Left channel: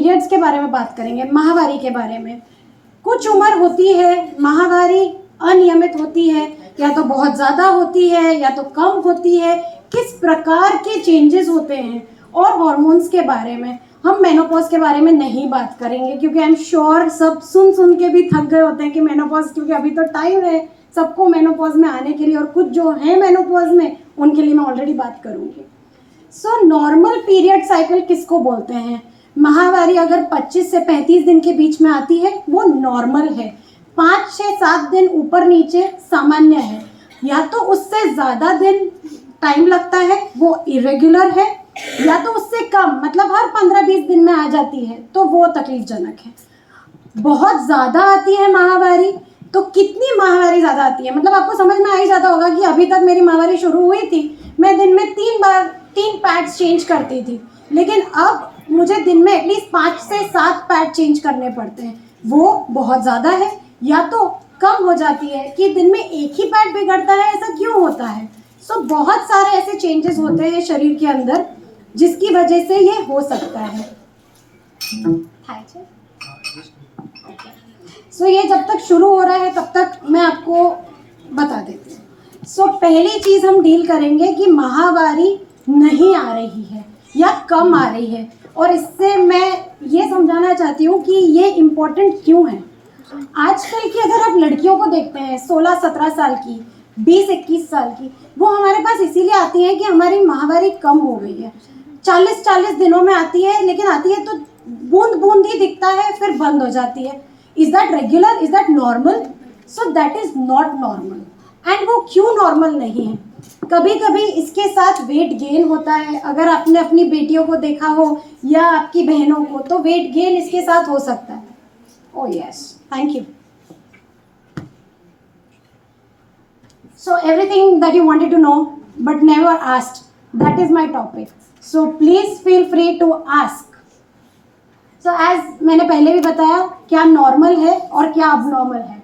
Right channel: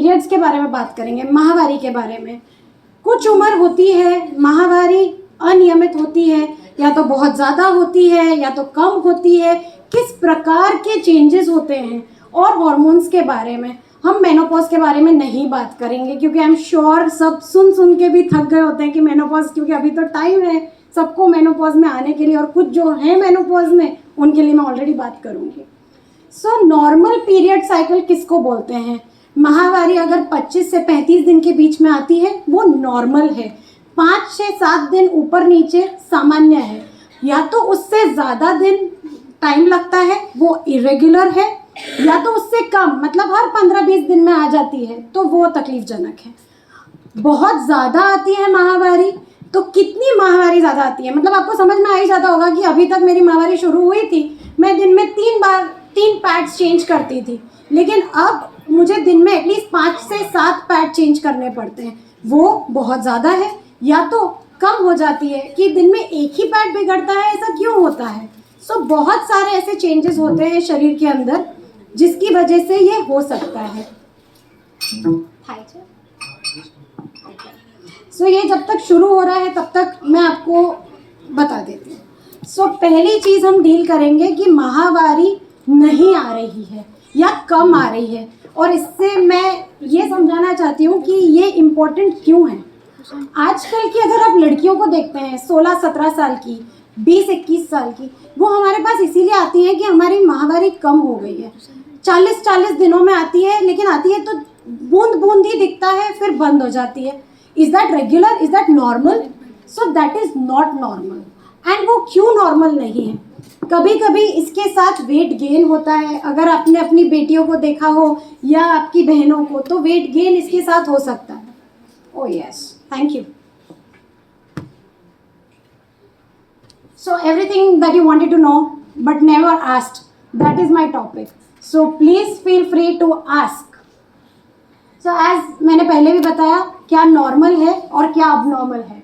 Periods के बारे में बात करेंगे, माहवारी के बारे में। कुछ उम्र होती है माहवारी अनियमित होती है, या तो बहुत ज़्यादा होती है या तो कम होती है, किस प्रकार के चेंजेस होते हैं, और हॉर्मोन्स के बारे में। हम मेनोपॉज के बारे में नहीं बात करेंगे क्योंकि आई एम श्योर सब सुन सुन के भी थक गए होते हैं कि मेनोपॉज, क्योंकि अभी तो टाइम है सबको मेनोपॉज में आने के लिए, और कुछ जो है मेनोपॉज में उनके लिए मैं ऑलरेडी बात करूँगी। सो नॉर्मल पीरियड साइकिल किसको बोलते हैं? माहवारी अगर 25 से 35 दिन के बीच में आती है वो नॉर्मल है। 5 से 7 दिन ऊपर नीचे सामान्य है, या तो उससे ज़्यादा दिन टाइम लगता है वो इरेगुलर है, या तो उससे कम मतलब हर 15-20 दिन में आ जाती है तो वो तकलीफजनक है। बहुत ज़्यादा आती है माहवारी, तो कितनी माहवारी ज़्यादा आती है, मतलब आपको समझ में आ ही जाता होगा कि अभी तक मेरी माहवारी शुरू हुई थी, मैं दिन में 3 पैड्स चेंज करती थी, लेकिन अब मुझे दिन में एटलीस्ट 5 से 7 पैड चेंज करने पड़ते हैं। वो बहुत ज़्यादा है। या तो कम हो जाती है कि दिन में एक ही पैड बिगड़ता है, ऐसा क्यों होता है? सो बहुत सारे ऐसे चेंजेस होते हैं शरीर के अंदर जिसकी वजह से ये हो सकता है। सो ये जब तक शुरू हो रहा है तब तक मैं आपको बता देती हूँ। सो पहली चीज़ हम डील करेंगे कि माहवारी नहीं आ रही है या कम आ रही है, और इससे मैं ये समझाना चाहती हूँ कि ये इम्पोर्टेंट क्यों है। आजकल की अगर आप लड़कियों को देखते हैं 16-17 साल की, 20-21 साल की, वो हमारे पास इसीलिए आती है कि हमारी माहवारी कम हो गई है। 40-40 दिनों में आती है, लेकिन आती है तो बूंद बूंद ही दिखता है, फिर बंद हो जाती है। Is that regular? Is that normal? So that is not normal. And वो क्यों नॉर्मल नहीं है? कभी कभी इसके साथ वेट गेन होता है। अगर आपने अपनी बेटियों को देखा हो या आपकी बहनों को, तो वेट गेन इसके साथ हो सकता है। Oh yes, thank you. So everything that you wanted to know but never asked, that is my topic. So please feel free to ask. So as मैंने पहले भी बताया क्या नॉर्मल है और क्या अबनॉर्मल है।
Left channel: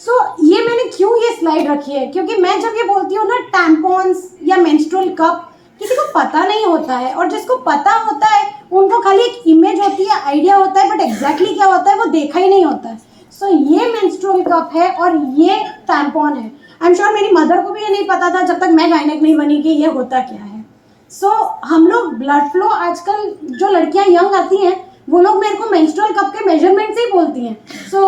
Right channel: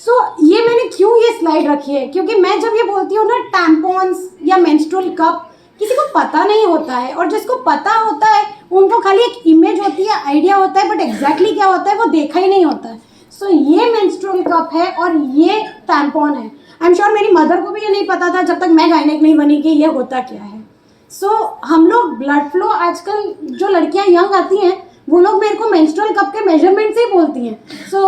So ये मैंने क्यों ये स्लाइड रखी है, क्योंकि मैं जब ये बोलती हूँ ना टैम्पॉन्स या मेंस्ट्रुअल कप, किसी को पता नहीं होता है, और जिसको पता होता है उनको खाली एक इमेज होती है, आइडिया होता है, बट एग्जैक्टली क्या होता है वो देखा ही नहीं होता है। सो ये मेंस्ट्रुअल कप है और ये टैम्पॉन है। आई एम श्योर मेरी मदर को भी ये नहीं पता था जब तक मैं गायनेक नहीं बनी कि ये होता क्या है। सो हम लोग ब्लड फ्लो, आजकल जो लड़कियां यंग आती हैं वो लोग मेरे को मेंस्ट्रुअल कप के मेजरमेंट से ही बोलती हैं। So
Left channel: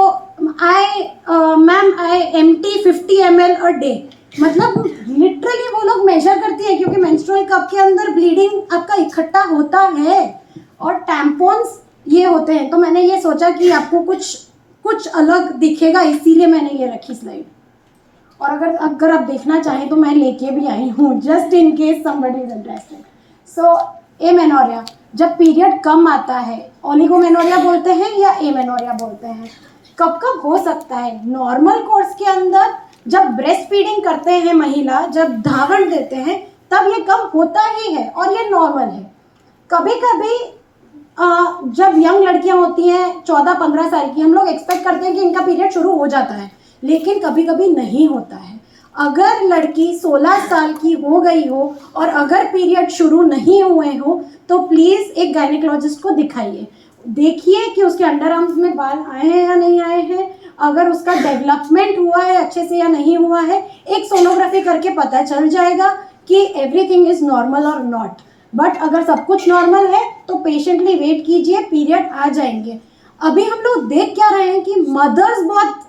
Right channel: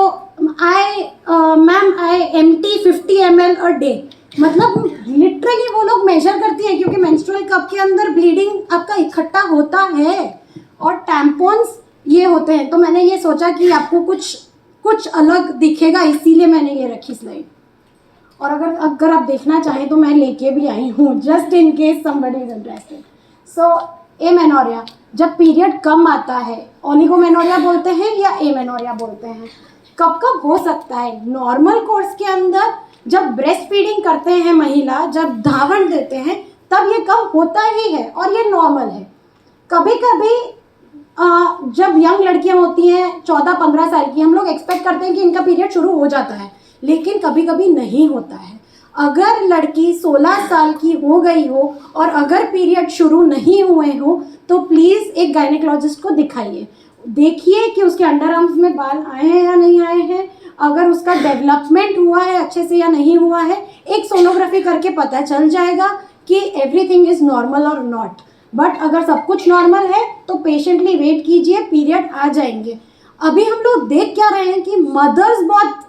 ma'am I empty 50 ml a day, मतलब लिटरली वो लोग मेजर करती है, क्योंकि मेंस्ट्रुअल कप के अंदर ब्लीडिंग आपका इकट्ठा होता है और टैम्पॉन्स ये होते हैं। तो मैंने ये सोचा कि आपको कुछ अलग दिखेगा, इसीलिए मैंने ये रखी स्लाइड। और अगर आप देखना चाहें तो मैं लेके भी आई हूँ, just in case somebody is interested. So amenorrhoea, जब पीरियड कम आता है, ओलिगोमेनोरिया बोलते हैं या एमेनोरिया बोलते हैं। कब कब हो सकता है? नॉर्मल कोर्स के अंदर जब ब्रेस्ट फीडिंग करते हैं महिला, जब धारण देते हैं, तब ये कम होता ही है और ये नॉर्मल है। कभी कभी जब यंग लड़कियां होती हैं 14-15 साल की, हम लोग एक्सपेक्ट करते हैं कि इनका पीरियड शुरू हो जाता है, लेकिन कभी कभी नहीं होता है। अगर लड़की 16 साल की हो गई हो और अगर पीरियड शुरू नहीं हुए हो तो प्लीज़ एक गायनेकोलॉजिस्ट को दिखाइए। देखिए कि उसके अंडर आर्म्स में बाल आए हैं या नहीं आए हैं, अगर उसका डेवलपमेंट हुआ है अच्छे से या नहीं हुआ है। एक सोनोग्राफी करके पता चल जाएगा कि एवरीथिंग इज़ नॉर्मल और नॉट। बट अगर सब कुछ नॉर्मल है तो पेशेंटली वेट कीजिए, पीरियड आ जाएंगे। अभी हम लोग देख क्या रहे हैं कि मदर्स बहुत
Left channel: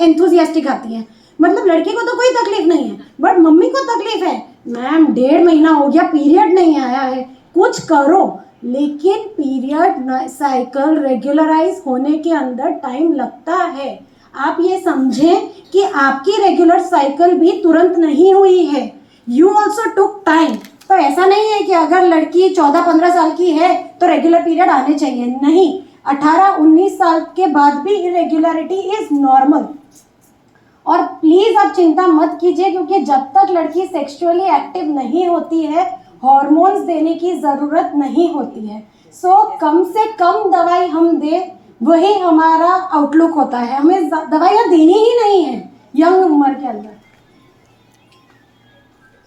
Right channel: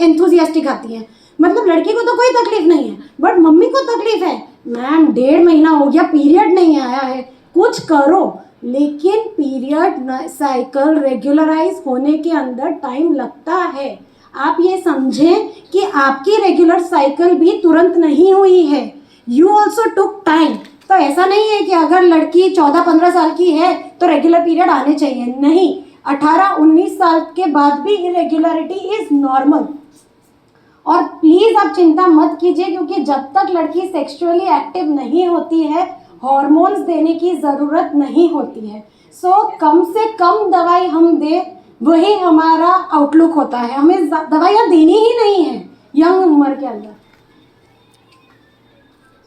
एंथुजियास्टिक आती हैं, मतलब लड़की को तो कोई तकलीफ नहीं है बट मम्मी को तकलीफ है। मैम 1.5 महीना हो गया पीरियड नहीं आया है, कुछ करो। लेकिन पीरियड साइकिल रेगुलराइज होने के अंदर टाइम लगता है। आप ये समझें कि आपकी रेगुलर साइकिल भी तुरंत नहीं हुई है, यू ऑल्सो टुक टाइम। तो ऐसा नहीं है कि अगर लड़की 14-15 साल की है तो रेगुलर पीरियड आने चाहिए, नहीं। 18-19 साल के बाद भी इरेगुलरिटी इज नॉर्मल। और प्लीज आप चिंता मत कीजिए, क्योंकि जब तक लड़की सेक्सुअली एक्टिव नहीं होती है हार्मोन्स देने की जरूरत नहीं होती है। सो कम से कम दवाई हम दे, वही हमारा आउटलुक होता है। हमें दवाइयाँ देनी ही नहीं है यंग उम्र के अंदर।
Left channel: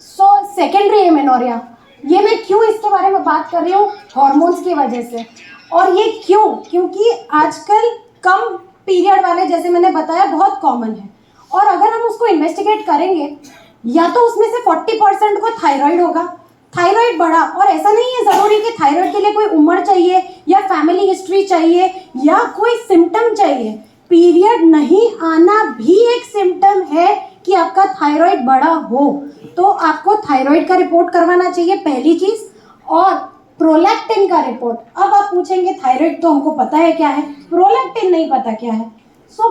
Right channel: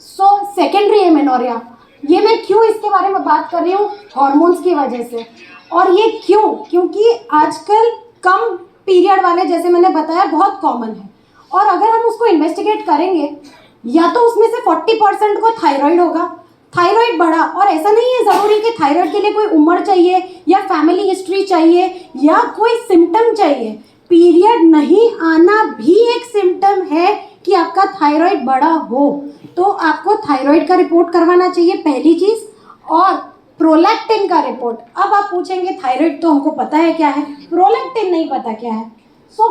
सो सेकेंडरी एमेनोरिया, ये मैं क्यों इसके बारे में बात कर रही हूँ, हॉर्मोन्स की वजह से। और ये क्यों, क्योंकि आजकल कम पीरियड वाले, जैसे मैंने बताया, बहुत कॉमन है। और अगर हम उसको इन्वेस्टिगेट करेंगे, या तो उसमें से 40% को थायराइड होगा, थायराइड बढ़ा। और ऐसा नहीं है ज़रूरी कि थायराइड के लिए कोई उम्र चाहिए या फैमिली हिस्ट्री चाहिए या कोई सिम्टम चाहिए। पीरियड नहीं आना भी एक सिम्टम है कि आपका थायराइड बढ़ा हो, तो आपको थायराइड का रिपोर्ट करवाना चाहिए, पहली चीज़। और प्रोलैक्टिन का रिपोर्ट। अब आप पूछेंगे थायराइड तो हमको पता है क्या है, प्रोलैक्टिन नहीं पता क्या है। सो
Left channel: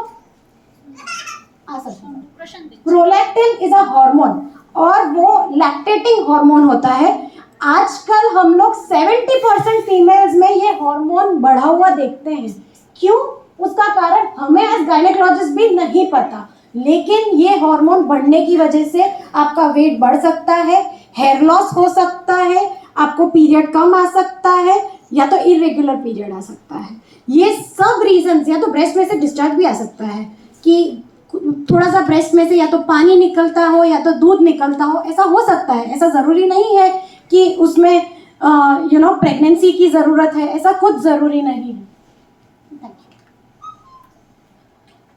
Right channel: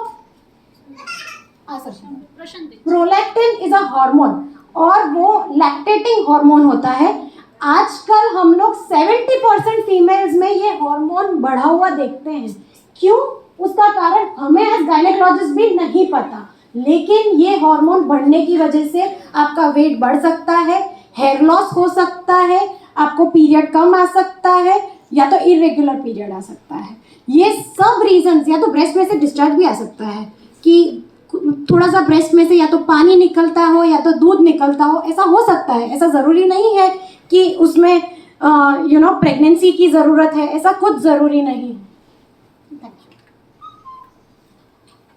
प्रोलैक्टिन इज अ हार्मोन और वो लैक्टेटिंग हार्मोन होता है। आजकल हम लोग 70% फीमेल्स में ये हार्मोन बढ़ा हुआ देखते हैं। क्यों? उसका कारण हमें एज गायनेकोलॉजिस्ट भी नहीं पता, लेकिन ये हार्मोन बढ़ने की वजह से आपका वेट बढ़ सकता है, हेयर लॉस हो सकता है, आपको पीरियड कम आ सकता है, या तो इरेगुलर पीरियड आ सकता है। ये सब रीजंस, या तो ब्रेस्ट में से डिस्चार्ज भी आ सकता है कि थोड़ा सा ब्रेस्ट में से या तो पानी निकलता हो या तो दूध निकलता हो, ऐसा हो सकता है। ऐसा ज़रूरी नहीं है कि उसमें प्रेगनेंसी की ज़रूरत है, ऐसा कुछ ज़रूरी नहीं है।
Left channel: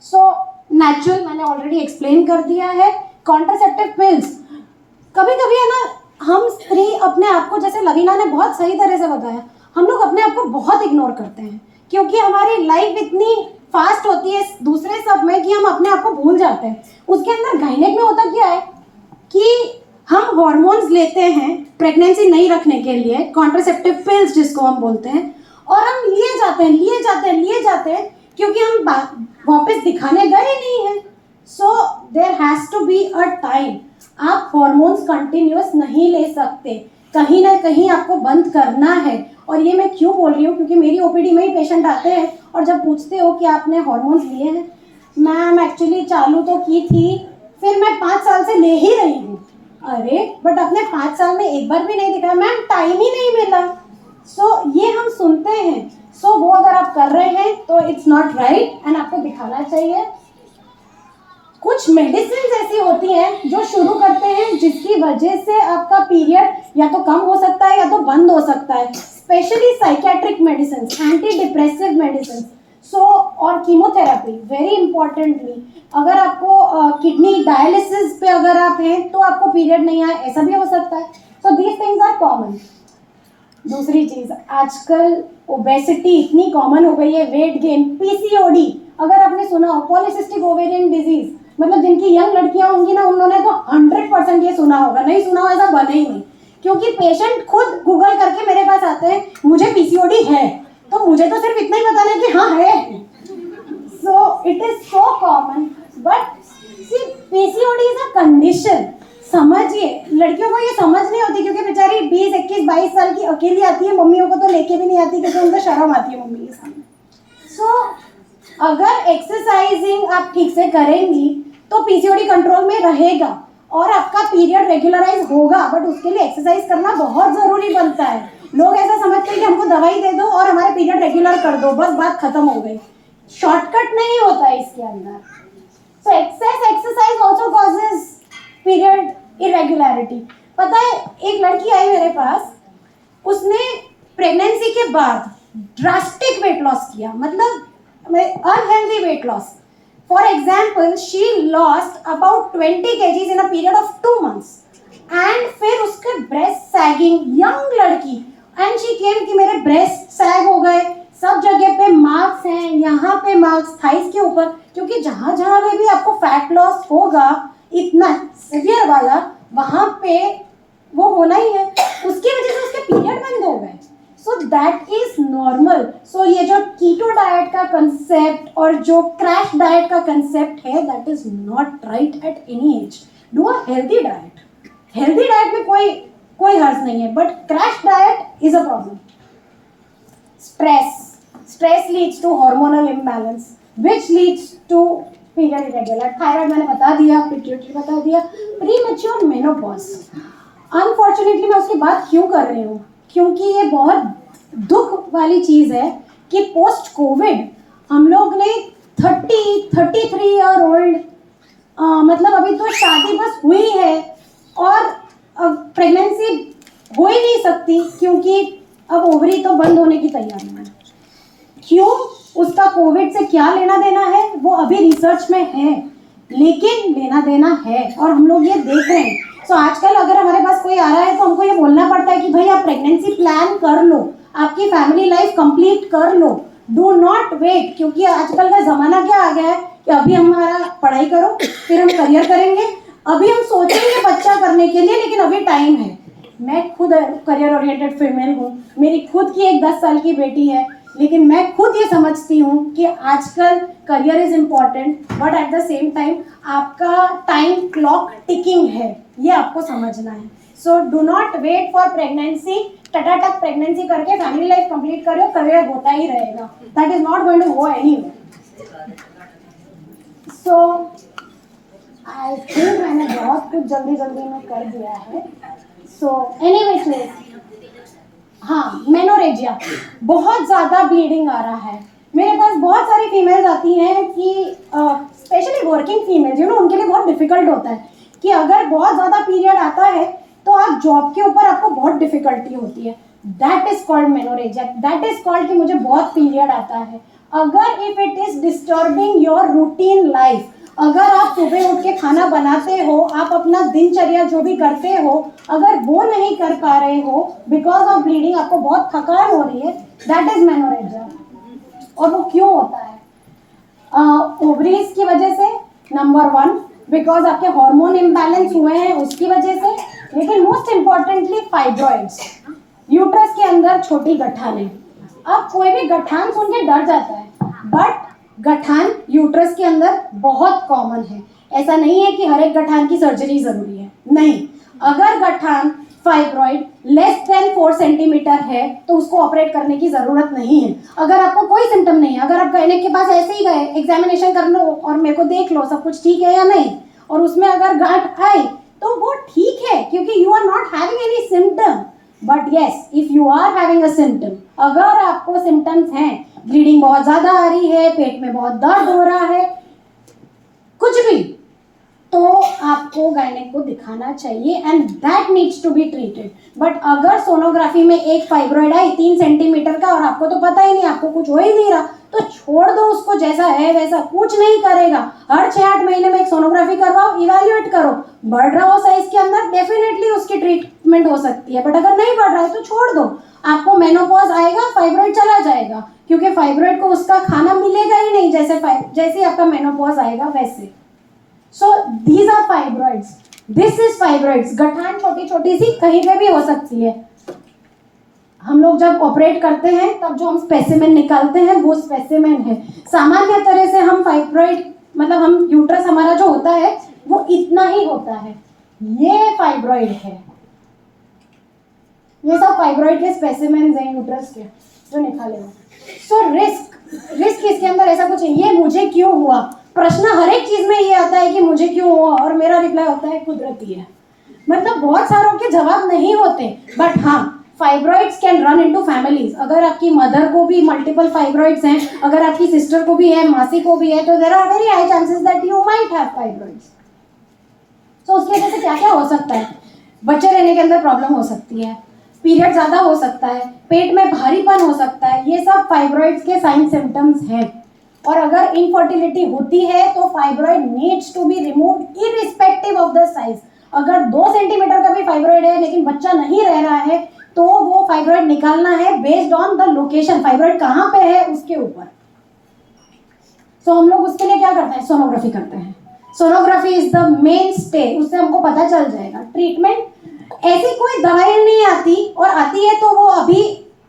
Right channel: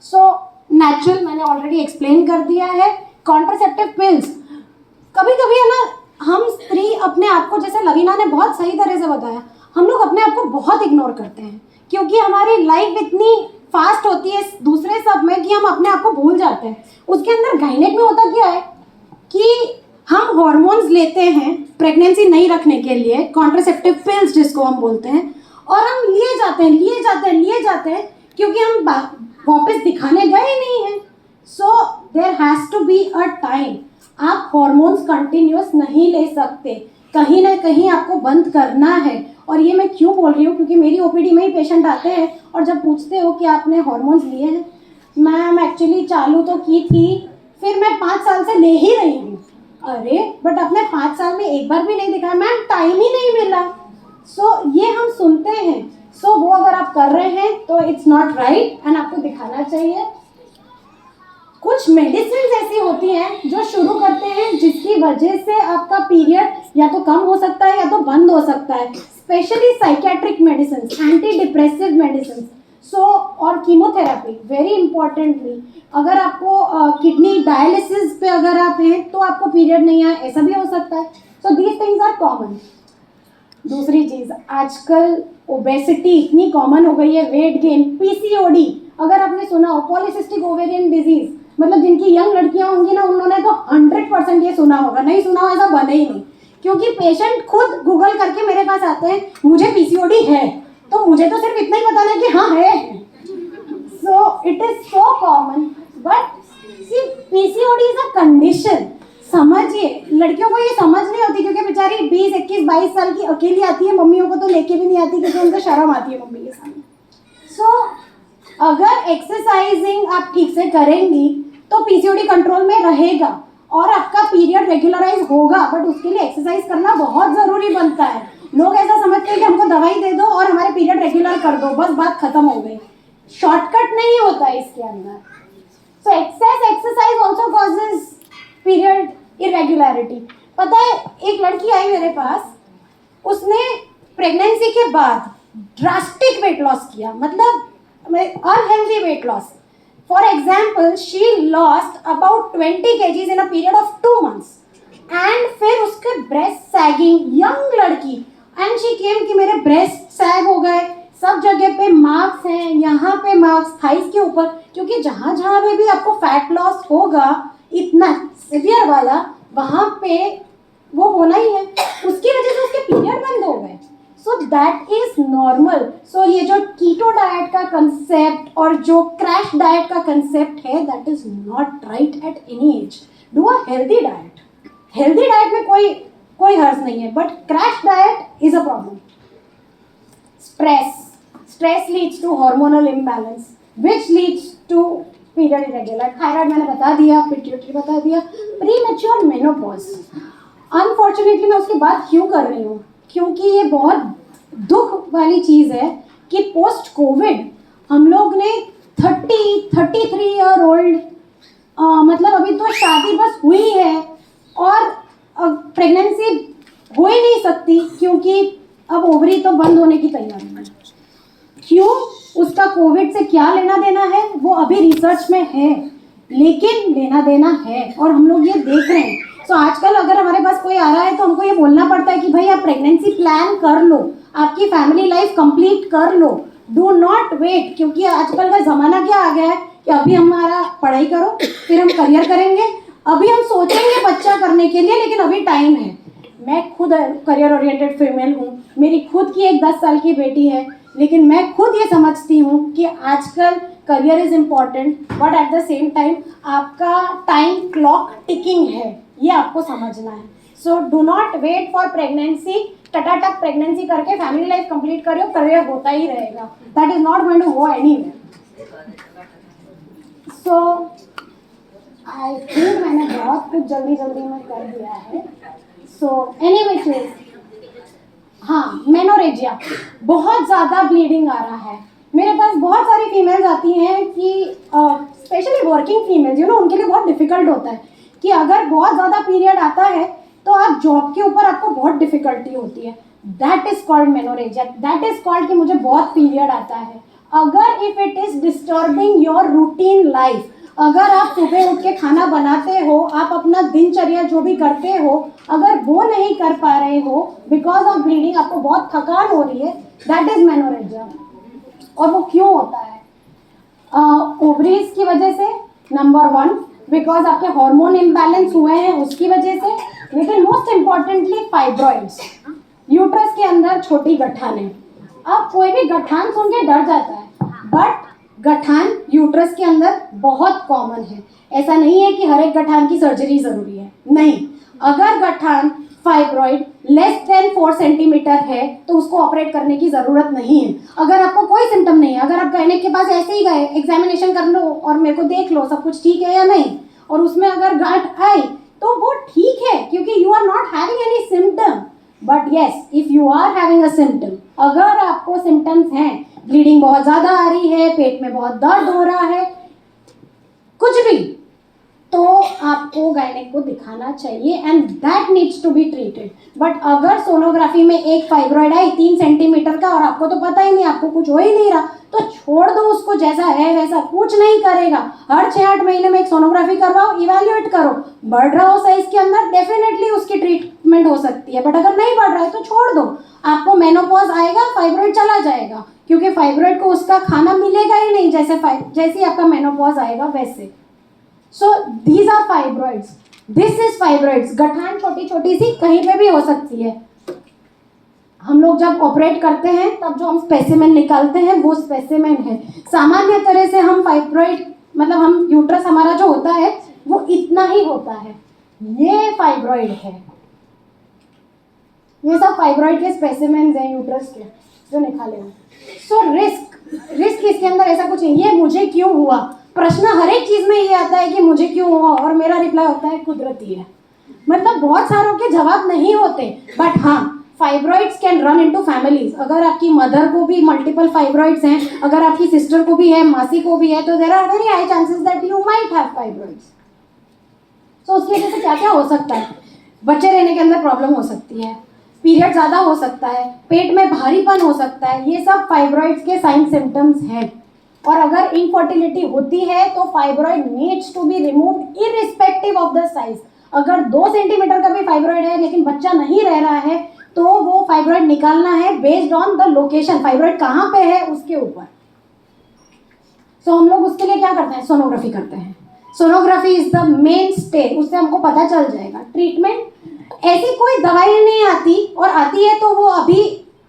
सो नेचुरल मैंने ऑलरेडी एक्सप्लेन कर दिया है। कॉन्ट्रासेप्टिव पिल्स, कभी कभी है ना, हम स्त्री अपने आप को, जैसे लवीना ने बहुत सही तरह से बताया, हम लोग अपने आप को बहुत इग्नोर करते हैं क्योंकि हमारी लाइफ इतनी फास्ट होती है दूसरे सब में कि हम अपने आप को भूल जाते हैं। उसके अंदर गायनेक में होता क्या है कि हम हॉर्मोन्स लेते हैं प्रेगनेंसी नहीं रखने के लिए, कॉन्ट्रासेप्टिव पिल्स जिसको हम बोलते हैं, और हम लिए जाते हैं क्योंकि हम वापस दिखाने गए नहीं हैं। So there has to be a time. आप हॉर्मोन्स कंटिन्यूअस नहीं ले सकते, कहीं ना कहीं आपको बंद करना है। और ये मैं क्यों बोल रही हूँ, क्योंकि मेरी ओपीडी में ही पेशेंट आते हैं और जब पूछते हो कि आपने हॉर्मोन्स लिए हैं, मैम एक्चुअली चालू तो की थी, फिर मैं 5 साल से ले ही रही हूँ। अरे बट अपने 5 साल में एक बार भी नहीं दिखाया, मैम टाइम ही नहीं मिला। सो ये हम सुनते हैं। सो वो अगर आप कर रहे हैं तो इट्स नॉट राइट एंड आपको दिखाना चाहिए। कुछ मेडिसिन ऐसी होती हैं जो शुरू करते हैं जिसकी वजह से आपका पीरियड या तो कम हो सकता है या तो बंद हो सकता है, specially psychiatric medicine, anti depressive medicine. So और कीमोथेरेपी वेरी इंपॉर्टेंटली, अगर आपको किडनी डायलिसिस पे अगर आप हैं तो आपको पीरियड नहीं आए, ऐसा भी हो सकता है। So these things are common. दूसरी चीज, आजकल ओबेसिटी इतनी कॉमन हो गई है, वेट गेन, पीसीओडी, अगर आपने सुना हो, पॉलीसिस्टिक ओवेरियन डिजीज, मतलब जिनकी यंग लड़कियां होंगी ना, उन्होंने तो 100% ये सुना होगा, नहीं सुना हो ऐसा बने ही नहीं। क्योंकि पेशेंट खुद गूगल करके मेरे पास आते हैं, मुझे पीसीओडी है, तो मुझे तो सिर्फ इतना ही बताना है कि हाँ है। So it is so common, but see PCOD is a condition. समझिए, लड़कियों को ये समझ नहीं होती क्योंकि बेचारी 20, 21, 22 साल की अकेली आती है, मम्मियों को तो लेके भी नहीं आती क्योंकि उनको शर्म आती है मम्मी के सामने। सो अगर एक्सरसाइजिंग आप ठीक से करेंगी तो पीसीओडी कंट्रोल में रहेगा और आपका पीरियड रेगुलराइज होगा, बट उसके लिए एक्सरसाइज करना बहुत जरूरी बनता है। लोग ऐसा समझते हैं कि हमको दवाई दे दो और हमारे पीरियड रेगुलर कर दो, बस बात खत्म हो गई। शॉर्टकट नहीं होता है इसके अंदर। So excess exercise also causes period irregularity. पता है, एक लड़की आई मेरे पास, उसने प्रेगनेंसी के बाद ड्रास्टिक वेट लॉस किया, मतलब unhealthy weight loss. For example, she lost about 20 kgs in a period of 2 months and फिर उसके ब्रेस्ट सैगिंग, यंग लड़की, एंड शी केम कि मेरे ब्रेस्ट सैग हो गए, सब जगह पे मार्क्स हैं, यहाँ पे मार्क्स, थाइस के ऊपर, क्योंकि जहाँ जहाँ पे भी आपको फैट लॉस होगा इतना सीवियर वाला, वहाँ पे वो होना ही है, उसकी वजह से उसके पीरियड बंद हो गए। So that is normal. So ये जो कीटो डाइट का कंसेप्ट और जो क्रैश डाइट का कंसेप्ट है, that is not right at any age. Do a healthy diet. Healthy diet में कोई हर्ज नहीं है, but crash diet is a problem. Stress leads to hormonal imbalance which leads to period irregular. Thyroid मैंने बता दिया, pituitary बता दिया, प्रीमेच्योर मेनोपॉज। अनफॉर्चुनेटली मैं उसकी बात क्यों कर रही हूँ, क्योंकि ये बहुत दुख वाली चीज़ है कि पोस्ट कोविड हम लोग ने 33 ईयर ओल्ड, मतलब अभी तो शादी बस हुई है और प्रेगनेंसी हो ही नहीं सकती, क्योंकि अब ओवरी तो बंद होने की तैयारी में। क्यों? उसका कोविड से क्या लेना देना है वो अभी रिसर्च में है, लेकिन लेना देना है और हम लोग ये देख रहे हैं। सो आजकल अगर हमारे पास कोई आ रहा है तो हमको ये बोलना पड़ता है कि भाई आप प्रेगनेंसी प्लान कर लो, आपकी फैमिली लाइफ कंप्लीट कर लो, डू नॉट वेट। क्योंकि आजकल का ज़माना क्या आ गया है कि अभी हमारा पढ़ाई करो, फिर हम करियर करेंगे, अभी हम सोचेंगे बच्चा करने के लिए, लेकिन अभी टाइम है। मैं खुद करियर ओरिएंटेड फीमेल हूँ, मेरी खुद की एक 10 साल की बेटी है, लेकिन मैं खुद ये समझती हूँ कि आजकल career is important, but at the same time आपका टाइम क्लॉक टिकिंग है, ये आपको समझना है। So do not wait for pregnancy, टटाटक प्रेगनेंसी करके फैमिली लाइफ कंप्लीट करो, करियर होता ही रहेगा, that is not going to go anywhere. So I think मैंने बहुत कुछ जल्दी जल्दी में कर दिया है। सो एनीवेज, हाँ, मेनोरेजिया, बहुत ज़्यादा ब्लीडिंग आ रहा है। मेरे पास बहुत सारी फीमेल्स आती हैं कि specially working females, you know, उनके लिए बहुत डिफिकल्ट होता है कि अगर बहुत ज़्यादा पीरियड आता है तो आप जॉब के ऊपर आपको बहुत डिफिकल्टी होती है। That is called menorrhagia, that is called कि मुझे बहुत पीरियड आता है। अगर if it is disturbing your routine life, अगर आप सुबह उठ के खाना बनाते हो, आप अपना दिनचर्या जो भी करते हो, अगर वो नहीं कर पा रहे हो बिकॉज ऑफ ब्लीडिंग, आपको बहुत थकान हो रही है, दैट इज मेनोरेजिया। और वो क्यों होता है? ओवरीज की वजह से, नंबर 1, बिकॉज आपके हार्मोन इम्बैलेंस हुए हैं उसकी वजह से, लेकिन मोस्ट इम्पॉर्टेंटली फाइब्रॉइड्स, यूट्रस के अंदर छोटी गठानें। अब कोई भी गठान सुन के डर जाता है, बट गठान यूट्रस के अंदर बहुत कॉमन है। ऐसा नहीं है कि हर एक गठान की सर्जरी जरूरी है, नहीं। अगर गठान फाइब्रॉइड लेस देन 4 सेंटीमीटर है तो उसको ऑपरेट करने की जरूरत नहीं है। अगर आपको कोई सिम्टम नहीं है, अगर आप गायनेक के पास ऐसे ही गए, एग्जामिनेशन कर लो और मेरे को देख लो सब कुछ ठीक है या नहीं, और उसमें अगर गांठ आई तो वो ठीक है, क्योंकि you are not having any symptom. But yes, if you are having a symptom, अगर आपको सिम्टम्स हैं, ब्लीडिंग बहुत ज्यादा आ रही है, पेट में बहुत दर्द हो रहा है, कुछ भी, तो आपको गायनेक को दिखाना चाहिए and that needs to be treated. But अगर सोनोग्राफी में एक फाइब्रॉइड है 3 सेंटीमीटर का और आपको तो पता ही नहीं, आपको कुछ हो ही नहीं रहा, तो छोड़ दो उसको, जैसा है वैसा, कुछ नहीं करेगा। हर 6-8 महीने में एक सोनोग्राफी करवाओ, इवैल्यूएट करो, बढ़ रहा हो साइज के अंदर, डेफिनेटली उसकी ट्रीटमेंट हो सकती है। बट अगर नहीं बढ़ रहा है तो छोड़ दो, आपको मेनोपॉज आएगा, फाइब्रॉइड चला जाएगा, क्योंकि फाइब्रॉइड को उसका खाना मिलेगा ही नहीं, जैसे आपका मेनोपॉज आएगा वैसे। So these are fibroids. This is fibroids. गठान छोटी छोटी सी कहीं पे भी हो सकती है। हम लोग जब ऑपरेट करते हैं तब जो हम स्पेसिमेन निकालते हैं वो स्पेसिमेन है। सामान्य तरह से हम फाइब्रॉइड, मतलब हम यूट्रस हमारा जो होता है वो इतना ही होता है, ये फाइब्रॉइड है। ये सब फाइब्रॉइड के स्पेसिमेन हैं यूट्रस के जो निकाले हुए। सो रिस्क इसके अंदर ऐसा कुछ नहीं। ये मुझे क्यों हुआ, प्रश्न हर एक चीज में ये आता है कि मुझे क्यों हुआ, और मेरा रिप्लाई होता है कुदरती है। मतलब बहुत सारों के जवाब नहीं होते, बट हाँ, fibroids can run into families. अगर आपकी मदर को भी मल्टीपल फाइब्रॉइड्स हैं, अगर आपकी सिस्टर को भी है, मासी को भी है, तो there are very high chances that you might have fibroids. तो उसकी वजह से क्या क्या हो सकता है? बच्चे रहने के अंदर प्रॉब्लम हो सकती है, पीरियड ज्यादा हो सकता है, पेट में भारीपन हो सकता है, ये सब फाइब्रॉइड्स के साइन सिम्टम्स हैं। और अगर इनफर्टिलिटी होती है तो fibroid needs to be removed irrespective of the size. अगर 2 सेंटीमीटर का भी फाइब्रॉइड है लेकिन बच्चा नहीं रह रहा है तो वो फाइब्रॉइड निकालना है based on the location, fibroid कहाँ पे है उसके ऊपर। सो हम लोग उसके लिए क्या करते हैं? सोनोग्राफी करते हैं। Sonography is the main stay, उससे हमको पता चल जाएगा। ट्रीटमेंट, ऐसी कोई दवाई नहीं आती, और आती है तो वो अभी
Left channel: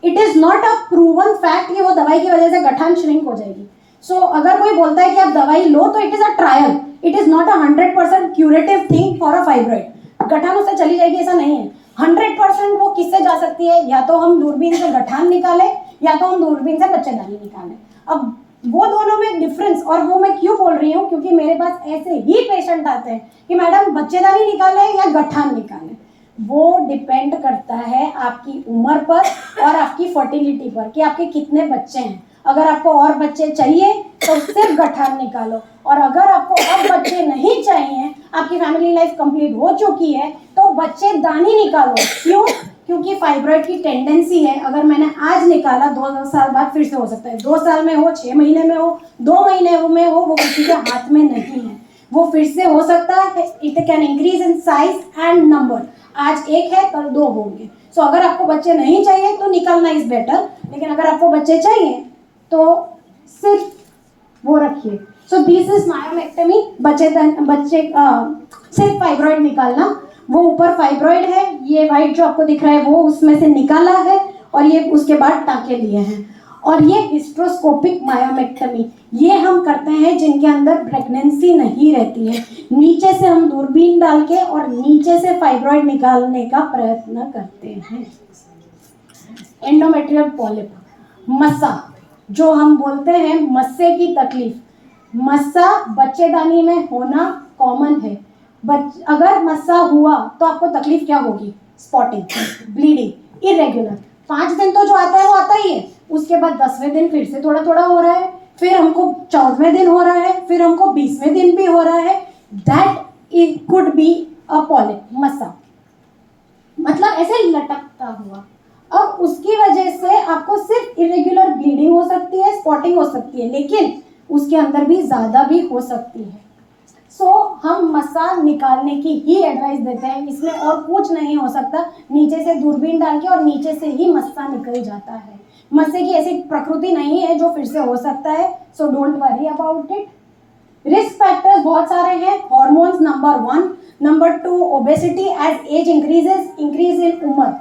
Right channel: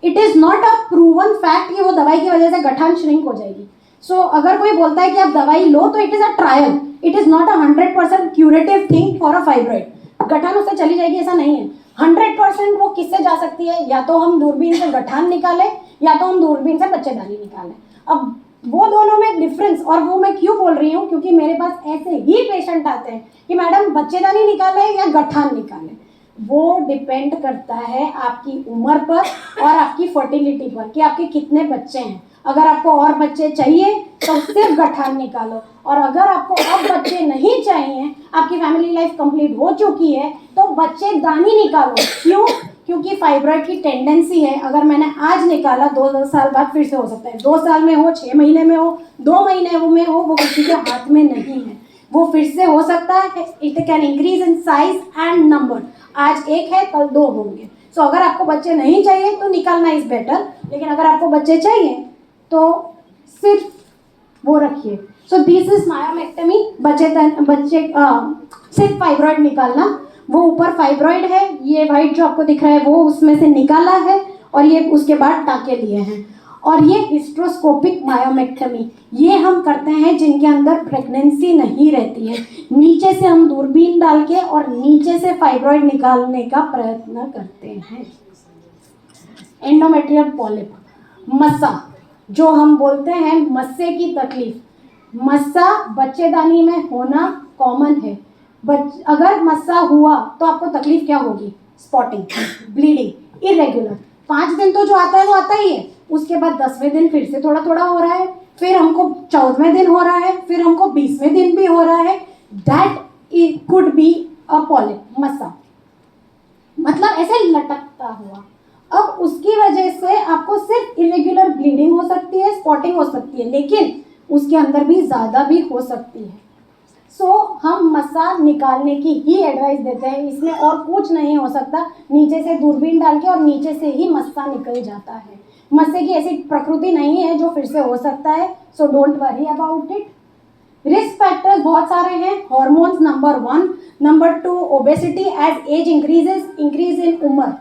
it is not a proven fact कि वो दवाई की वजह से गठान श्रिंक हो जाएगी। सो अगर कोई बोलता है कि आप दवाई लो तो it is a trial, it is not a 100% curative thing for a fibroid. गठान उससे चली जाएगी ऐसा नहीं है। 100% वो किससे जा सकती है? या तो हम दूरबीन से गठान निकाले या तो हम दूरबीन से बच्चेदानी निकालें। अब वो दोनों में डिफरेंस, और वो मैं क्यों बोल रही हूँ, क्योंकि मेरे पास ऐसे ही पेशेंट आते हैं कि मैडम बच्चेदानी निकाले या गठान निकाले। वो डिपेंड करता है आपकी उम्र पर और आपकी फर्टिलिटी पर कि आपके कितने बच्चे हैं। अगर आपको और बच्चे चाहिए तो सिर्फ गठान निकालो, और अगर आपको अब बच्चे नहीं चाहिए, आपकी फैमिली लाइफ कंप्लीट हो चुकी है, तो बच्चेदानी निकालो। क्यों? क्योंकि फाइब्रॉइड की टेंडेंसी है, अगर मैंने आज निकाला 2 साल बाद फिर से हो सकता है, 2 साल में हो, 6 महीने में हो, 2 महीने में हो, वो किसी के हाथ में नहीं है, वो फिर से हो सकता है। It can increase in size and number, आज एक है कल 2 होंगे। सो अगर आपको बच्चे नहीं चाहिए तो निकालना इज बेटर, लेकिन अगर आपको बच्चे चाहिए तो सिर्फ वो रखिए। सो दिस इज मायोमेक्टमी, बच्चे सिर्फ फाइब्रॉइड निकालना। वो ऊपर फाइब्रॉइड है, ये वाइट जो आपको दिख रहा है वो उसमें से निकाला है, और ये उसके बाद टाँके लिए हैं। और ये हिस्ट्रोस्कोपिक मायोमेक्टमी, ये हम करते हैं जिनके अंदर प्रेगनेंसी नहीं रहती है। नीचे से हम दूरबीन डाल के और नीचे से फाइब्रॉइड निकालने का प्रयत्न करते हैं। एंडोमेट्रियल पॉलिप, मस्सा जो हम बोलते हैं, मस्से की तकलीफ, मस्सा बच्चेदानी में होना कॉमन है। अगर मस्सा हुआ तो आपको तकलीफ क्या होगी? Spotting, bleeding, irregular. 5 दिन तो जो आता है वो आता ही है, उसके बाद 10वें दिन फिर से थोड़ा थोड़ा हो रहा है, फिर हमको 14वें दिन हो रहा है, फिर हमको 20वें दिन भी हो रहा है। That it could be a polyp, मस्सा, मतलब ऐसे लटकता हुआ। अब उसकी वजह से आपको सिर्फ इरेगुलर ब्लीडिंग हो सकती है, स्पॉटिंग हो सकती है, लेकिन उसके अंदर भी ज़्यादा भी हो सकती है। सो हम मस्सा निकालने की ही एडवाइस देते हैं, इसमें और कुछ नहीं हो सकता। नीचे से दूरबीन डाल के और नीचे से ही मस्सा निकल जाता है। मस्से की ऐसी प्रकृति नहीं है जो फिर से हो सकता है, so don't worry about it. Risk factors बहुत सारे हैं। Hormones number 1, number 2 obesity age age increases, increase in उम्र,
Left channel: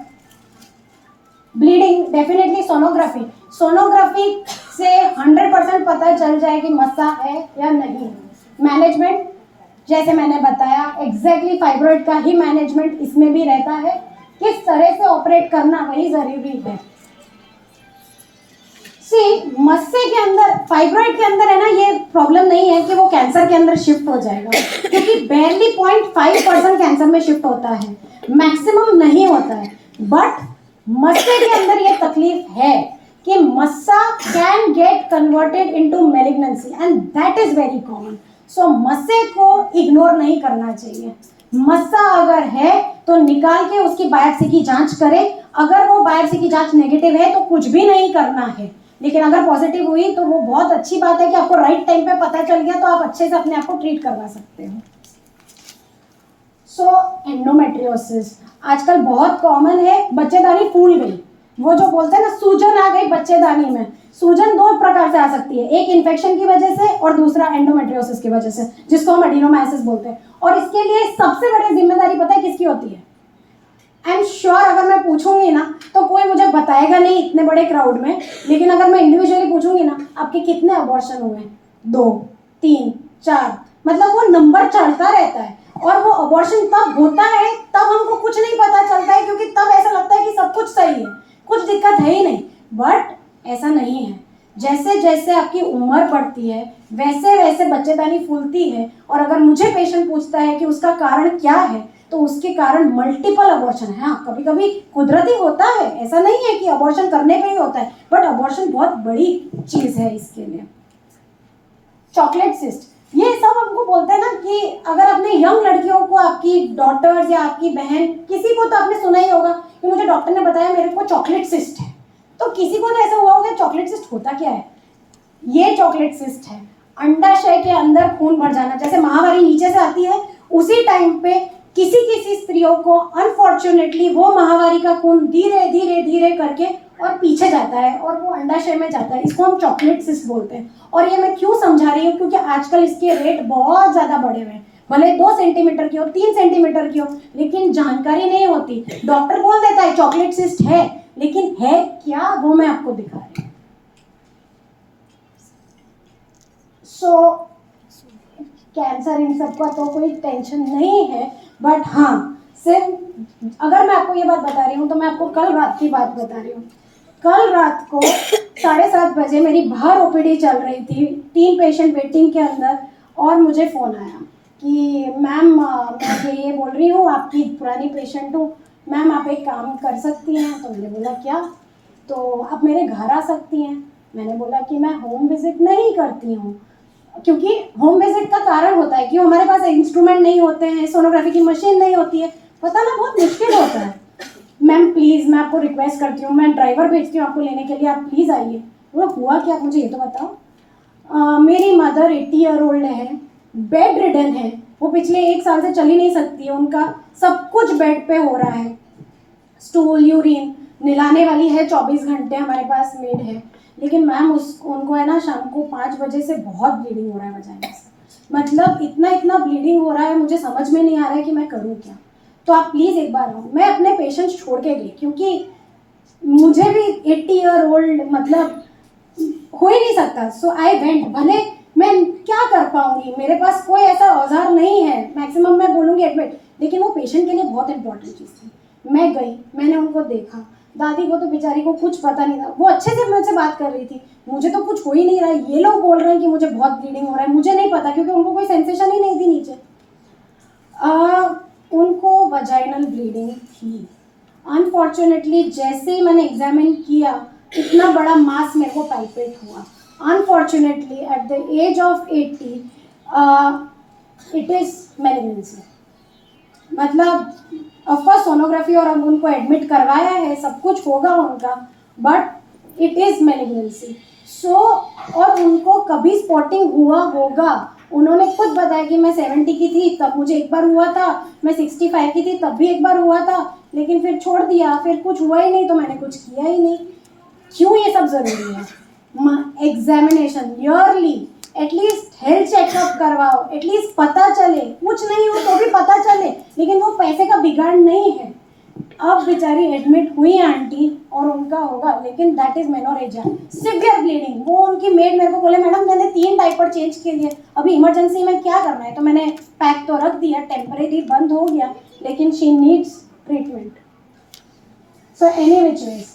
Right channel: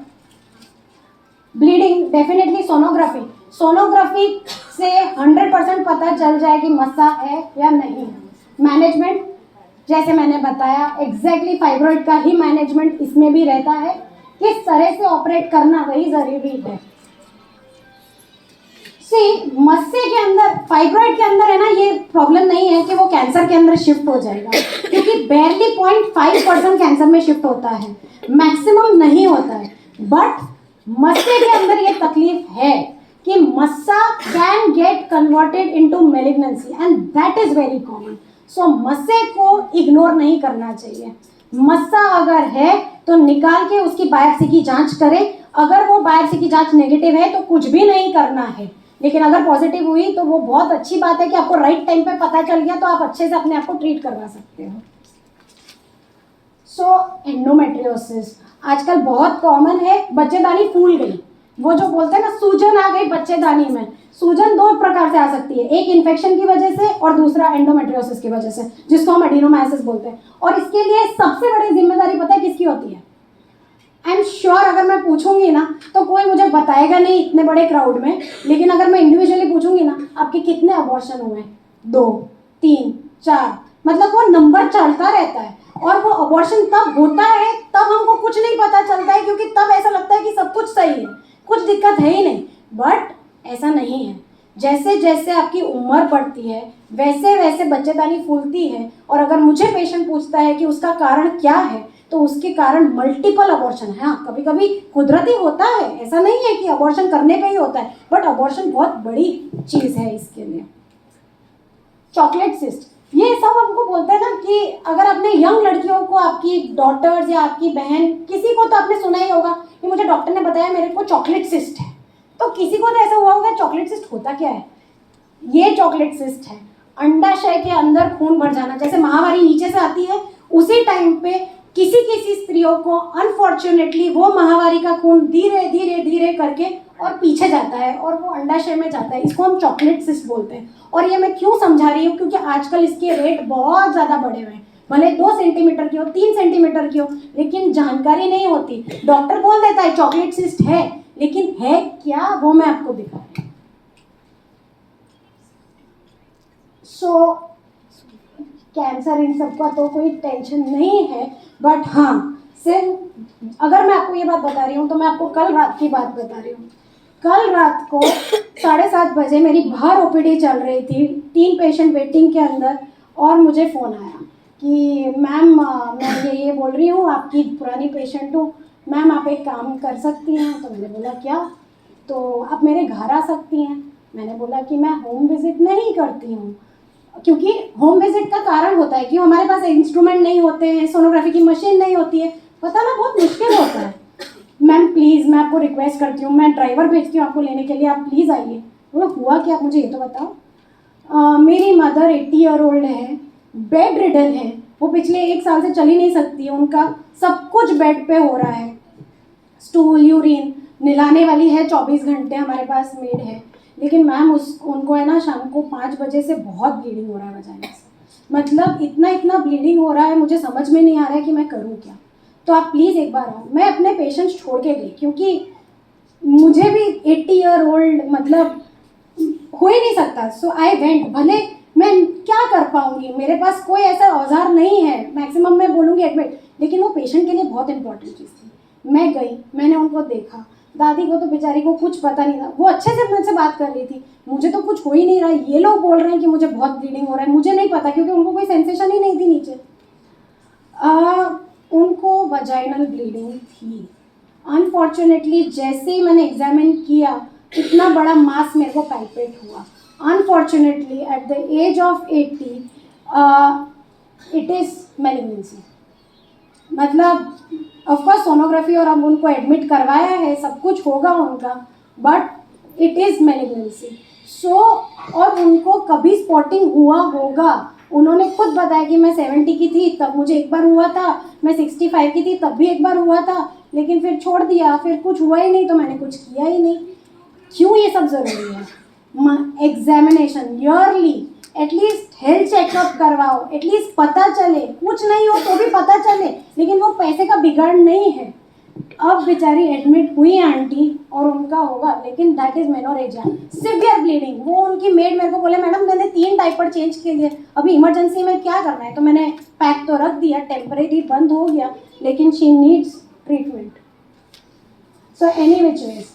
ब्लीडिंग, डेफिनेटली सोनोग्राफी, सोनोग्राफी से 100% पता चल जाए कि मस्सा है या नहीं। मैनेजमेंट जैसे मैंने बताया, एग्जैक्टली फाइब्रॉइड का ही मैनेजमेंट इसमें भी रहता है, किस तरह से ऑपरेट करना वही जरूरी है। सी मस्से के अंदर, फाइब्रॉइड के अंदर है ना, ये प्रॉब्लम नहीं है कि वो कैंसर के अंदर शिफ्ट हो जाएगा, क्योंकि barely 0.5% कैंसर में शिफ्ट होता है, मैक्सिमम नहीं होता है। बट मस्से के अंदर ये तकलीफ है कि मस्सा can get converted into malignancy and that is very common. So मस्से को इग्नोर नहीं करना चाहिए। मस्सा अगर है तो निकाल के उसकी बायोप्सी की जांच करें। अगर वो बायोप्सी की जांच नेगेटिव है तो कुछ भी नहीं करना है, लेकिन अगर पॉजिटिव हुई तो वो बहुत अच्छी बात है कि आपको राइट टाइम पे पता चल गया, तो आप अच्छे से अपने आप को ट्रीट करवा सकते हो। सो एंडोमेट्रियोसिस आजकल बहुत कॉमन है। बच्चेदानी फूल गई, वो जो बोलते हैं ना सूजन आ गई बच्चेदानी में, सूजन 2 प्रकार से आ सकती है, एक इन्फेक्शन की वजह से और दूसरा एंडोमेट्रियोसिस की वजह से, जिसको हम एडिनोमाइसिस बोलते हैं। और इसके लिए सबसे बड़ी जिम्मेदारी पता है किसकी होती है? आई एम श्योर अगर मैं पूछूंगी ना तो कोई मुझे बताएगा नहीं इतने बड़े क्राउड में, लेकिन अगर मैं इंडिविजुअली पूछूंगी ना, आपके कितने अबॉर्शन हुए? 2, 3, 4, मतलब वो नंबर चढ़ता रहता है। और वो अबॉर्शन तब होता है तब हमको कुछ नहीं पता चलता है, क्योंकि तब ऐसा लगता है कि सब कुछ सही है, कुछ दिक्कत है ही नहीं। बट ऐसा नहीं है। जैसे जैसे आपकी उम्र बढ़ती है वैसे वैसे बच्चेदानी फूलती है। और अगर मुझे पेशेंट पूछता है कि उसका कारण क्या है, तो उसके कारण मल्टीपल अबॉर्शन है। हाँ, कभी कभी कुदरती होता है, ऐसा नहीं है कि अबॉर्शन करने पे ही होता है, बट अबॉर्शन बहुत बड़ी चीज है इसके लिए। चॉकलेट सिस्ट, ये सब हमको बोलते हैं ना कि अगर आपने यंग लड़कियों को, आपकी डॉटर्स या आपकी बहन, किसी को तो आपने सुना ही होगा कि मुझे डॉक्टर ने बताया मेरे को चॉकलेट सिस्ट है। तो किसी को तो ऐसा हुआ होगा। चॉकलेट सिस्ट होता क्या है? ये चॉकलेट सिस्ट है अंडाशय के अंदर खून भर जाना। जैसे महावारी नीचे से आती है, उसी टाइम पे किसी किसी स्त्रियों को अनफॉर्चुनेटली वो महावारी का खून धीरे धीरे धीरे करके और पीछे जाता है और वो अंडाशय में जाता है। इसको हम चॉकलेट सिस्ट बोलते हैं। और ये मैं क्यों समझा रही हूँ, क्योंकि आजकल इसके रेट बहुत ज़्यादा बढ़े हुए हैं। भले 2 सेंटीमीटर की हो, 3 सेंटीमीटर की हो, लेकिन जानकारी नहीं होती। डॉक्टर बोल देता है चॉकलेट सिस्ट है, लेकिन है क्या वो मैं आपको दिखा रही हूँ। सो कैंसर इन सब का तो कोई टेंशन नहीं है, बट हाँ, सिर्फ अगर मैं आपको ये बात बता रही हूँ तो मैं आपको कल रात की बात बता रही हूँ। कल रात को 7:30 बजे मेरी बाहर ओपीडी चल रही थी, 3 पेशेंट वेटिंग के अंदर, और मुझे फ़ोन आया कि मैम मैं ये बोल रही हूँ, आपकी पुरानी पेशेंट हूँ, मैम आप एक काम कर सकती हैं? तो मैंने बोला क्या? तो आप मेरे घर आ सकती हैं। मैंने बोला कि मैं होम विजिट नहीं करती हूँ, क्योंकि होम विजिट का कारण होता है कि हमारे पास इंस्ट्रूमेंट नहीं होते हैं, सोनोग्राफी की मशीन नहीं होती है, पता ना बहुत मुश्किल होता है। मैम प्लीज़, मैं आपको रिक्वेस्ट करती हूँ, मैं ड्राइवर भेजती हूँ आपको लेने के लिए, आप प्लीज़ आइए। वो हुआ क्या, आप मुझे ये तो बताओ। मेरी मदर 80 ईयर ओल्ड है, बेड रिडन है, वो पिछले 1 साल से चल ही नहीं सकती है, उनका सब कुछ बेड पे हो रहा है, स्टूल यूरिन नहलाने वाली है 24 घंटे, हमारे पास मेड है, लेकिन मैम उनको है ना शाम को 5 बजे से बहुत ब्लीडिंग हो रहा है वजाइना से। मतलब इतना ब्लीडिंग हो रहा है, मुझे समझ में नहीं आ रहा है कि मैं करूँ क्या। तो आप प्लीज़ एक बार आओ, मैं अपने पेशेंट्स छोड़ के गई क्योंकि मुझे भी 80 ईयर ओल्ड मतलब हो ही नहीं सकता। सो आई वेंट, भले मैं क्या कर पाऊंगी, मेरे पास कोई ऐसा औजार नहीं है, मैक्सिमम मैं बोलूँगी एडमिट, लेकिन वो पेशेंट के लिए बहुत इंपॉर्टेंट चीज़ थी। मैं गई, मैंने उनको देखा, दादी को तो बेचारी को कुछ पता नहीं था, वो अच्छे से मुझसे बात कर रही थी, मुझे तो कुछ हो ही नहीं रहा है, ये लोग बोल रहे हैं कि मुझे बहुत ब्लीडिंग हो रहा है, मुझे नहीं पता क्योंकि उनको कोई सेंसेशन ही नहीं थी नीचे। उनको वजाइनल ब्लीडिंग थी। अनफॉर्चुनेटली जैसे ही मैंने एग्जामिन किया, इतना बड़ा मास मेरे को पाइपेट हुआ। Unfortunately at the age of 80 it is malignancy. मतलब ऑफकोर्स सोनोग्राफी और अब उनको एडमिट करवाया है, सब कुछ होगा उनका, बट इट इज़ मेलिग्नेंसी। सो और उनको कभी स्पॉटिंग हुआ होगा, उन्होंने खुद बताया कि मैं 70 की थी तब मुझे एक बार हुआ था, मैं 65 की थी तब भी एक बार हुआ था, लेकिन फिर छोड़ दिया, फिर कुछ हुआ ही नहीं तो मैंने कुछ किया ही नहीं। क्यों ये सब ज़रूरी है? Examination yearly, at least health checkup करवाओ, एटलीस्ट पता चले, कुछ नहीं हो तो भी पता चले, लेकिन वो पैसे का बिगाड़ नहीं है। अब बेचारी एडमिट हुई आंटी और उनका होगा, लेकिन that is menorrhagia, severe bleeding. वो उनकी मेड मेरे को बोले मैडम मैंने 3 डायपर चेंज के लिए, अभी इमरजेंसी में क्या करना है, तो मैंने पैक तो रख दिया, टेम्परेरी बंद हो गया, लेकिन she needs treatment. So any which ways,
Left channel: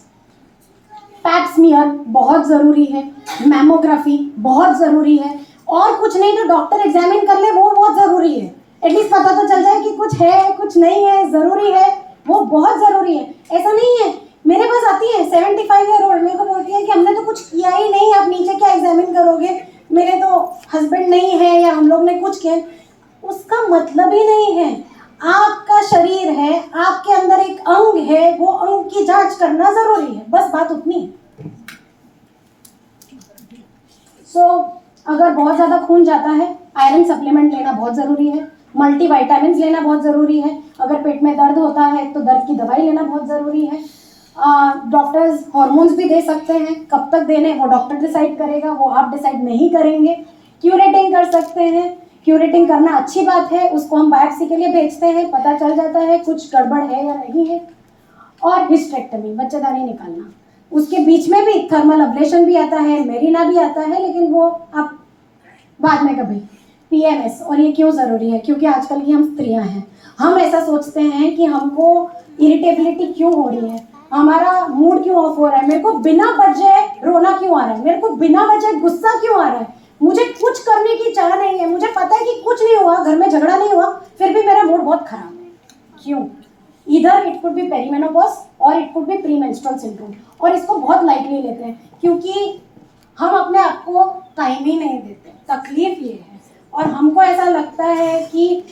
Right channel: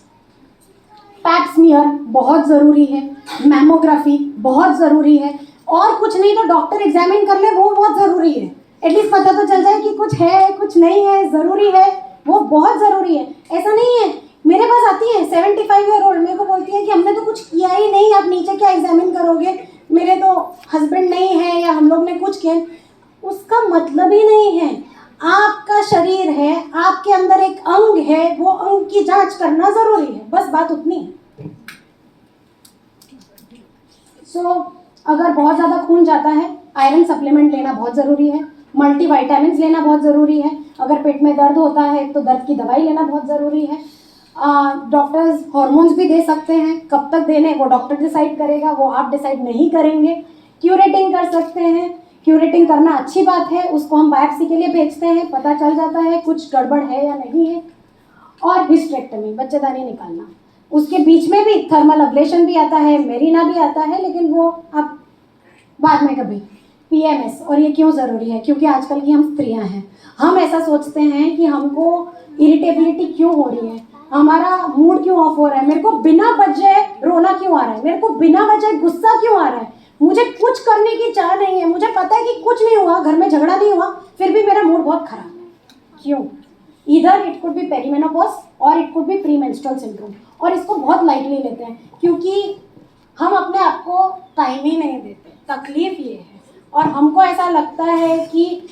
pap smear बहुत ज़रूरी है, मैमोग्राफी बहुत ज़रूरी है, और कुछ नहीं तो डॉक्टर एग्जामिन कर ले, वो बहुत ज़रूरी है, एटलीस्ट पता तो चल जाए कि कुछ है कुछ नहीं है, ज़रूरी है, वो बहुत ज़रूरी है। ऐसा नहीं है, मेरे पास आती है 75 ईयर ओल्ड, मेरे को बोलती है कि हमने तो कुछ किया ही नहीं, आप नीचे क्या एग्जामिन करोगे, मेरे तो हस्बैंड नहीं है या हम लोग ने कुछ किया। उसका मतलब ही नहीं है, आपका शरीर है, आपके अंदर एक अंग है, वो अंग की जांच करना जरूरी है, बस बात उतनी है। सो अगर बहुत ज़्यादा खून जाता है, आयरन सप्लीमेंट लेना बहुत ज़रूरी है, मल्टीविटामिन लेना बहुत ज़रूरी है, अगर पेट में दर्द होता है तो दर्द की दवाई लेना बहुत ज़रूरी है। डॉक्टर्स हार्मोन्स भी दे सकते हैं, कब तक देने वो डॉक्टर डिसाइड करेगा, वो आप डिसाइड नहीं करेंगे। क्यूरेटिंग कर सकते हैं, क्यूरेटिंग करना अच्छी बात है, उसको हम बायोप्सी के लिए भेजते हैं, पता चल जाता है कुछ गड़बड़ है या नहीं है। और हिस्टेरेक्टमी, बच्चेदानी निकालना, उसके बीच में भी थर्मल अब्लेशन भी आता है, मेरिना भी आता है, लेकिन वो आप बाद में कभी। पीएमएस, और ये क्यों ज़रूरी है, क्योंकि आजकल की हम स्त्रियां हैं, हम ऐसा सोचते हैं कि हमको इरिटेबिलिटी क्यों हो रही है, हमारा मूड क्यों ऑफ हो रहा है, मेरे को बिना वजह रोना क्यों आ रहा है, मेरे को बिना वजह गुस्सा क्यों आ रहा है, मुझे कुछ करने की चाह नहीं है, मुझे पता है कि कुछ नहीं हुआ, घर में झगड़ा नहीं हुआ, फिर भी मेरा मूड बहुत खराब है, क्यों? Either it could be perimenopause और it could be premenstrual syndrome. और इसको बहुत लाइटली लेते हैं क्योंकि हम अपने आप को टाइम ही नहीं देते, तकलीफ ये है। और हमको ऐसा लगता है कि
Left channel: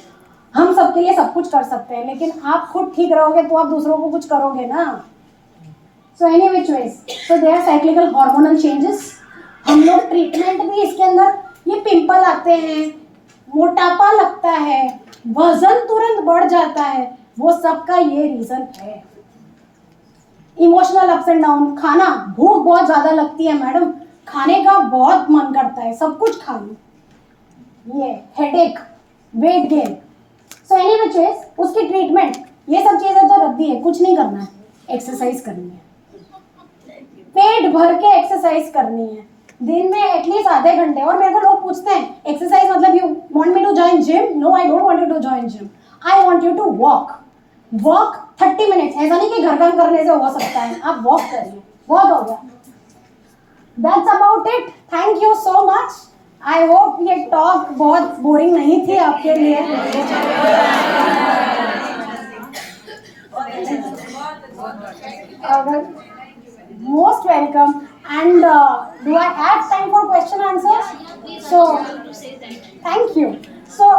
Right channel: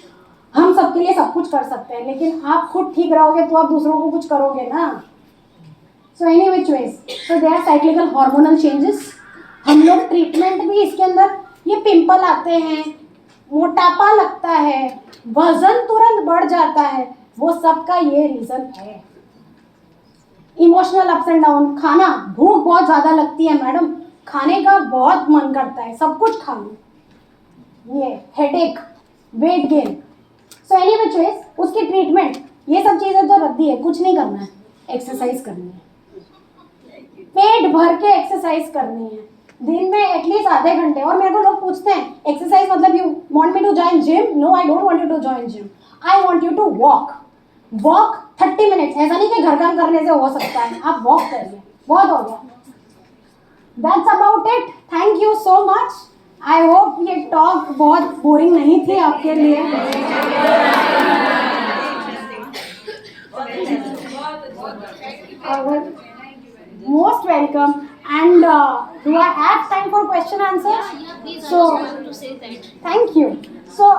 हम सबके लिए सब कुछ कर सकते हैं, लेकिन आप खुद ठीक रहोगे तो आप दूसरों को कुछ करोगे ना। So any which ways, so they are cyclical hormonal changes. हम लोग ट्रीटमेंट भी इसके अंदर, ये पिंपल आते हैं, मोटापा लगता है, वजन तुरंत बढ़ जाता है, वो सबका ये रीजन है। इमोशनल अप्स एंड डाउन, खाना, भूख बहुत ज्यादा लगती है मैडम, खाने का बहुत मन करता है, सब कुछ खा लो, ये headache, weight gain. So any which veg, उसकी ट्रीटमेंट, ये सब चीजें तो रद्दी है, कुछ नहीं करना है, एक्सरसाइज करनी है, पेट भर के एक्सरसाइज करनी है, दिन में एटलीस्ट आधे घंटे। और मेरे को लोग पूछते हैं एक्सरसाइज मतलब you want me to join gym? No, I don't want you to join gym, I want you to walk 30 minutes. ऐसा नहीं कि घर काम करने से हो सकता है, आप वॉक करिए, बहुत हो गया। That's about it, thank you so much. I hope ये टॉक बहुत बोरिंग नहीं थी आपके लिए। Most welcome. And do I have time for question answers? Yeah, please. So, I want to say that. thank you. So